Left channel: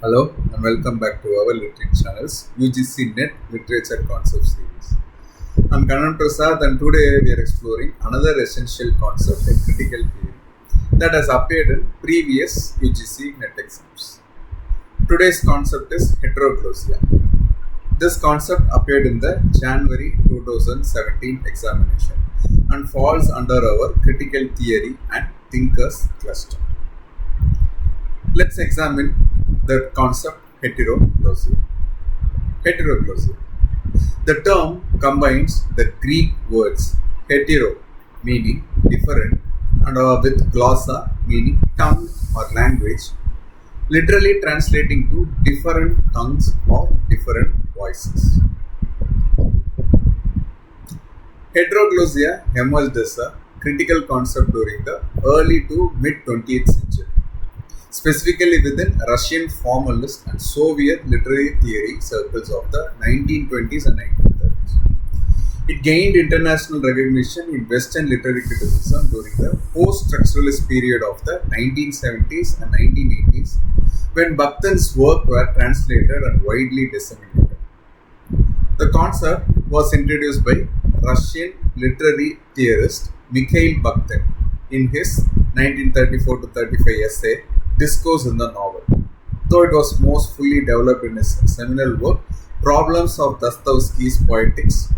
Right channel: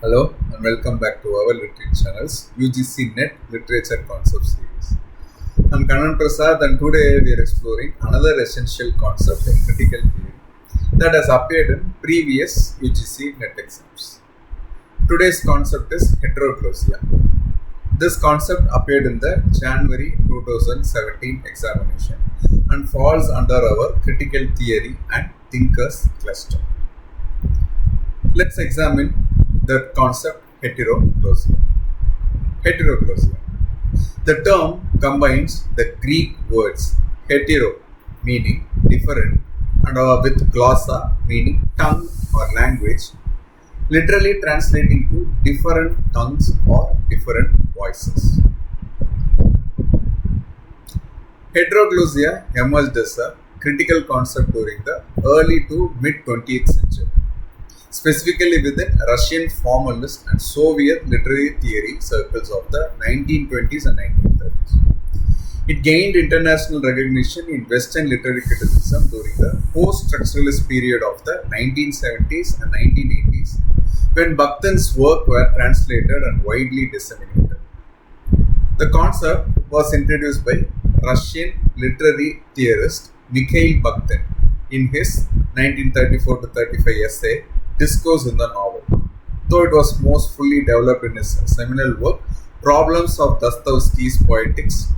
Hello and welcome back to our literature channel's UGC NET Literature Concept Series. I'm Kanan Prasad and today we are exploring another essential concept in critical theory that has appeared in previous UGC NET exams. Today's concept is heteroglossia. This concept appeared in the January 2017 examination and falls under our critical theory and thinkers cluster. Let's examine the concept heteroglossia. Heteroglossia. The term combines the Greek words hetero meaning different and with glossa meaning tongue or language, literally translating to different tongues or different voices. Heteroglossia emerged as a critical concept during the early to mid 20th century, specifically within Russian formalist and Soviet literary theory circles of the 1920s and 1930s. It gained international recognition in Western literary criticism during the post-structuralist period of the 1970s and 1980s, when Bakhtin's work were translated and widely disseminated. The concept was introduced by Russian literary theorist Mikhail Bakhtin in his 1934-35 essay Discourse in the Novel, though it was most fully developed in his seminal work Problems of Dostoevsky's Poetics.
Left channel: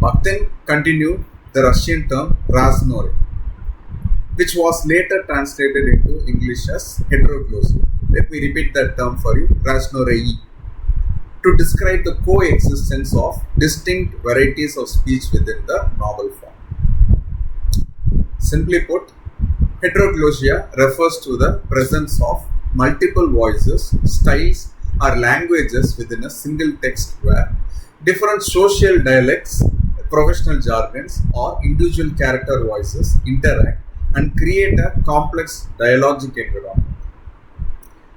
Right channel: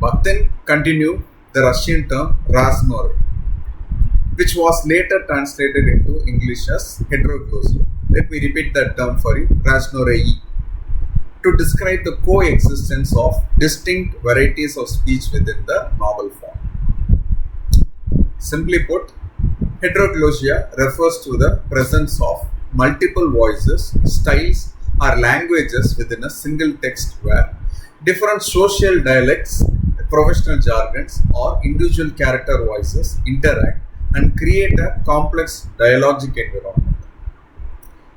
Bakhtin continued the Russian term raznore, which was later translated into English as heteroglossia. Let me repeat that term for you, raznorei, to describe the coexistence of distinct varieties of speech within the novel form. Simply put, heteroglossia refers to the presence of multiple voices, styles, or languages within a single text where different social dialects, professional jargons, or individual character voices interact and create a complex dialogic environment.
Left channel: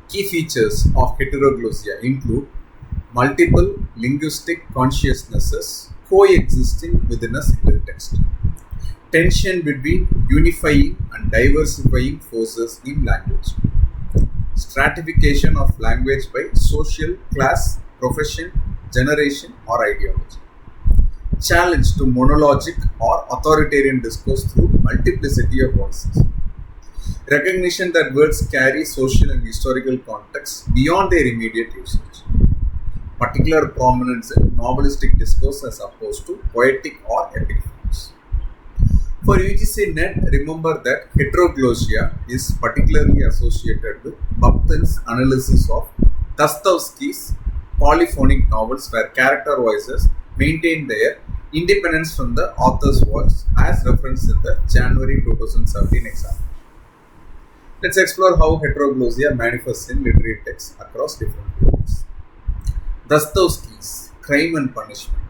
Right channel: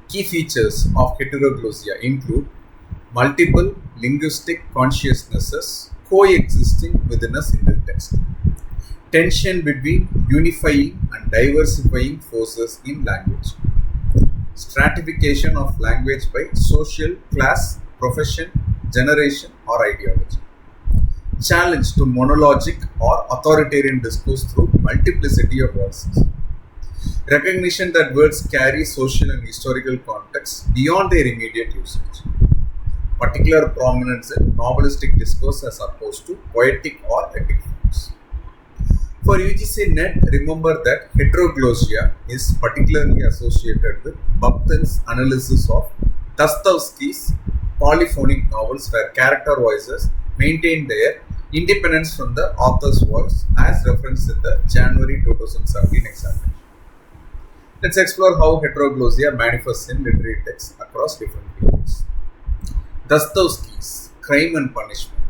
Key features of heteroglossia include multiple linguistic consciousnesses coexisting within a single text, tension between unifying and diversifying forces in language, stratification of language by social, class, profession, generation, or ideology, challenge to monologic or authoritarian discourse through multiplicity of voices, recognition that words carry social and historical context beyond their immediate usage, particular prominence in novelistic discourse as opposed to poetic or epic forms. For UGC NET, remember that heteroglossia is particularly associated with Bakhtin's analysis of Dostoevsky's polyphonic novels where character voices maintain their independence from the author's voice as referenced in the January 2017 examination. Let's explore how heteroglossia manifests in literary texts across different periods. Dostoevsky's Crime and Punishment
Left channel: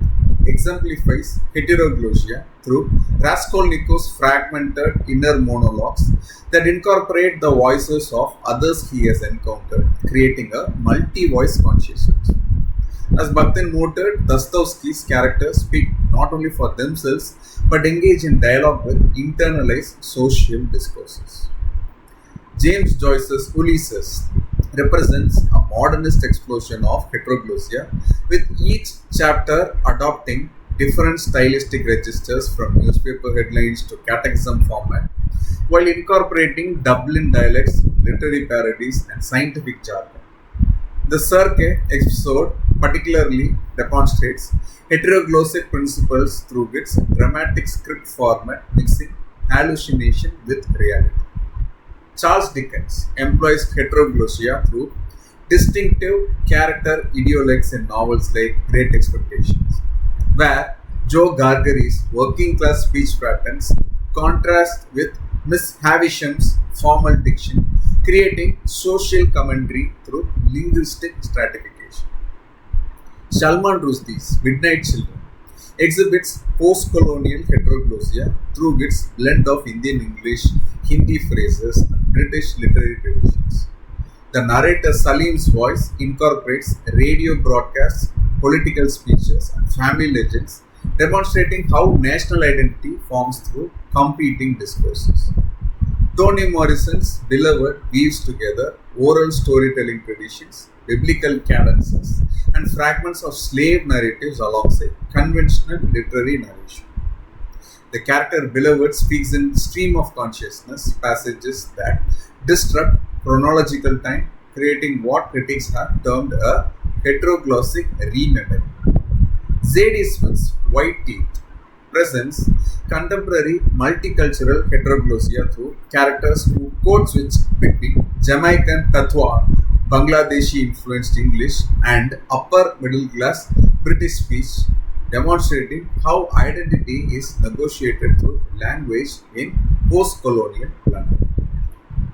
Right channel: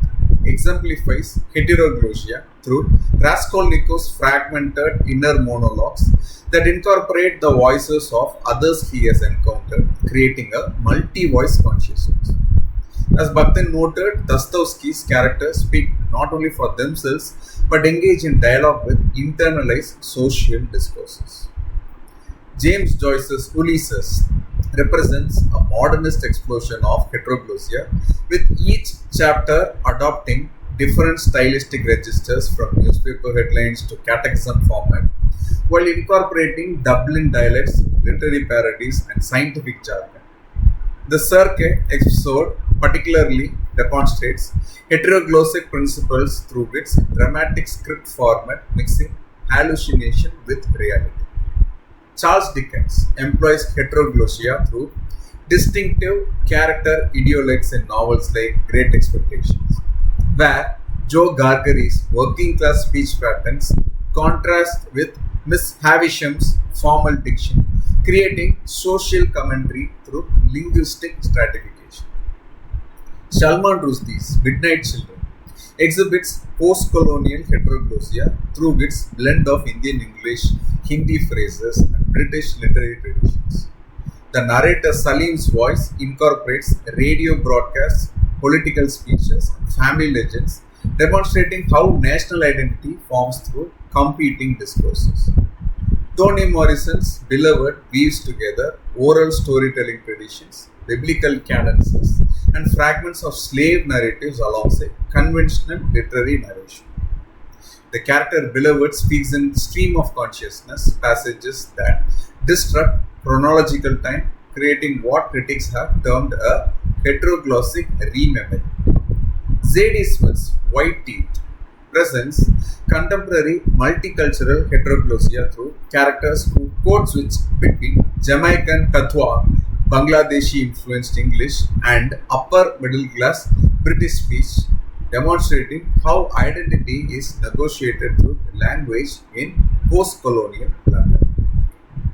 exemplifies heteroglossia through Raskolnikov's fragmented inner monologues that incorporate the voices of others he has encountered, creating a multi-voice consciousness. As Bakhtin noted, Dostoevsky's characters speak not only for themselves but engage in dialogue with internalized social discourses. James Joyce's Ulysses represents a modernist explosion of heteroglossia, with each chapter adopting different stylistic registers from newspaper headlines to catechism format, while incorporating Dublin dialects, literary parodies, and scientific jargon. The Circe episode particularly demonstrates heteroglossic principles through its dramatic script format mixing hallucination with reality. Charles Dickens employs heteroglossia through distinctive character idiolects in novels like Great Expectations, where Joe Gargary's working class speech patterns contrast with Miss Havisham's formal diction, creating social commentary through linguistic stratification. Salman Rushdie's Midnight Children exhibits post-colonial heteroglossia through its blend of Indian English, Hindi phrases, and British literary traditions. The narrator Salim's voice incorporates radio broadcasts, political speeches, and family legends, demonstrating how national identity forms through competing discourses. Toni Morrison's Beloved weaves together oral storytelling traditions, biblical cadences, and fragments of slave narratives alongside conventional literary narration. The character Beloved speaks in stream of consciousness passages that disrupt chronological time, creating what critics have termed a heteroglossic rememory. Z.D. Smith's White Teeth presents contemporary multicultural heteroglossia through characters who code switch between Jamaican patois, Bangladeshi influenced English, and upper middle class British speech, demonstrating how identity is negotiated through language in post colonial London.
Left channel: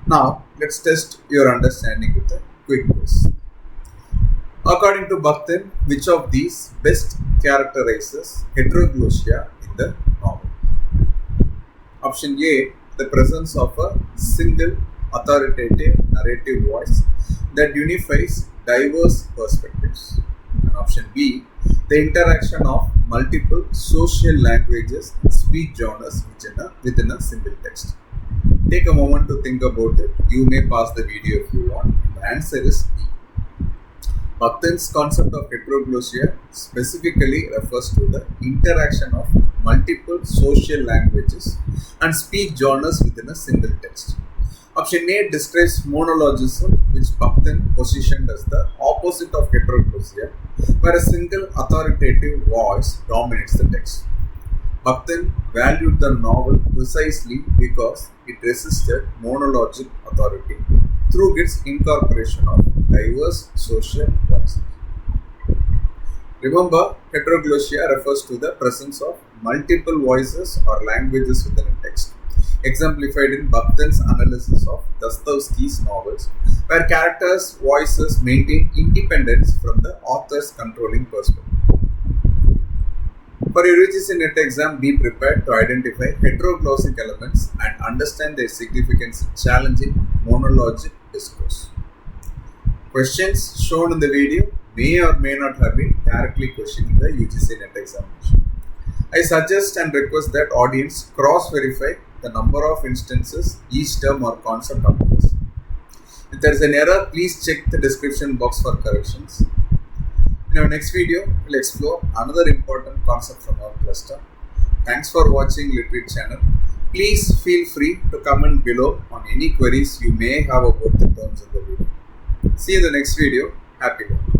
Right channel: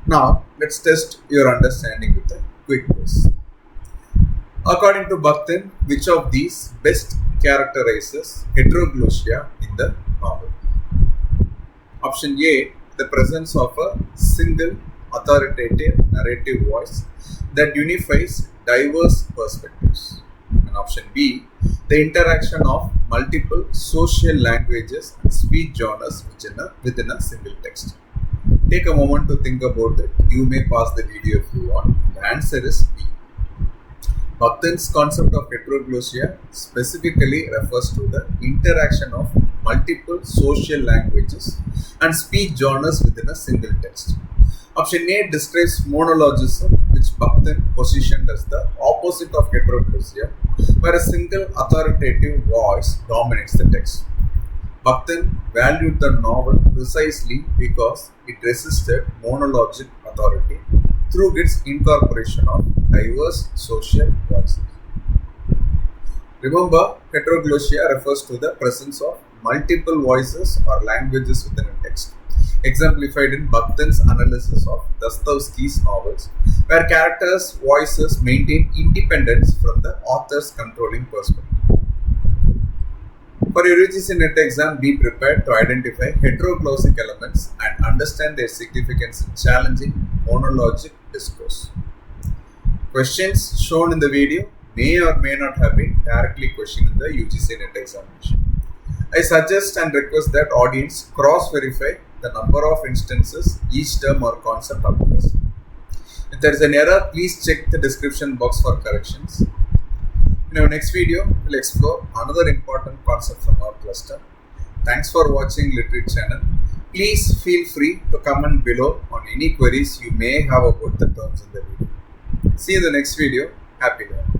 Now, let's test your understanding with a quick quiz. According to Bakhtin, which of these best characterizes heteroglossia in the novel? Option A, the presence of a single authoritative narrative voice that unifies diverse perspectives. And option B, the interaction of multiple social languages and speech genres within a single text. Take a moment to think about it. You may pause the video if you want. The answer is B. Bakhtin's concept of heteroglossia specifically refers to the interaction of multiple social languages and speech genres within a single text. Option A describes monologism, which Bakhtin positioned as the opposite of heteroglossia, where a single authoritative voice dominates the text. Bakhtin valued the novel precisely because it resisted monologic authority through its incorporation of diverse social voices. Remember, heteroglossia refers to the presence of multiple voices or languages within a text, exemplified in Bakhtin's analysis of Dostoevsky's novels, where characters' voices maintain independence from the author's controlling perspective. For your UGC NET exam, be prepared to identify heteroglossic elements and understand their significance in challenging monologic discourse. Questions shown in the video may or may not have been directly questioned in the UGC NET examination. I suggest and request that audience cross-verify the number of instances each term or concept appears. If there is an error, please check the description box for corrections. In our next video, we'll explore another important concept from our cluster. Thanks for watching Literate channel. Please feel free to comment below on any queries you may have about the terms in the video. See you in the next video. Happy learning.